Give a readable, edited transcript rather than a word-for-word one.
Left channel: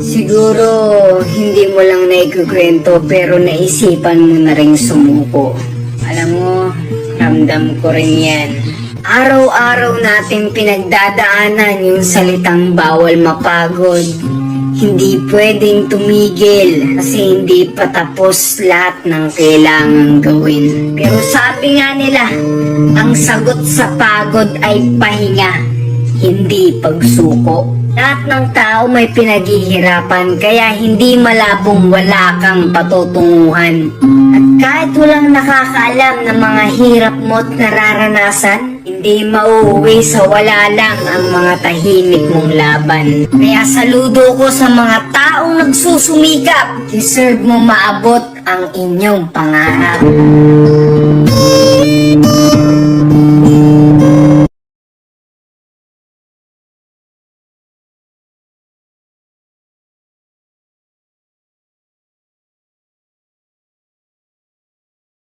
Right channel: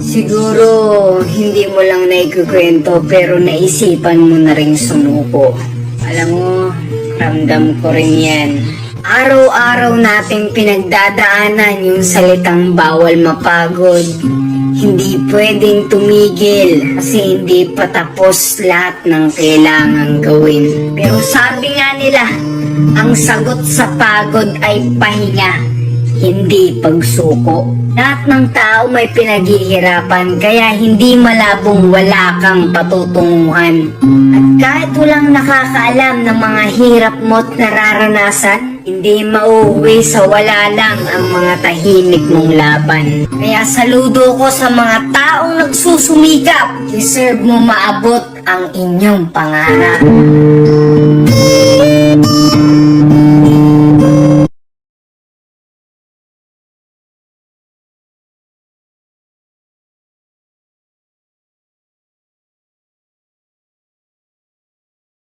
Siguro hindi mo lang naikukwento pero naisipan mo na rin sumuko. Alam mo, ramdam ko rin yan. Araw-araw natin pinagdadaanan yung salitang bawal mapagod. Hindi pwedeng tumigil kasi hindi pa tapos lahat ng kailangang gawin. Pero sabi nga nila, ang sagot sa pagod ay pahinga, hindi pagsuko. Lahat ng tao may pinaghihirapan kaya hindi malabong wala kang patutunguhan. At kahit walang nakakaalam ng mga hirap mo't nararanasan, hindi mauuwi sa wala lang ang mga tahimik mong laban. Kaya saludo ko sa mga taong nagsusumikap. Deserve mo maabot ang inyong pangarap.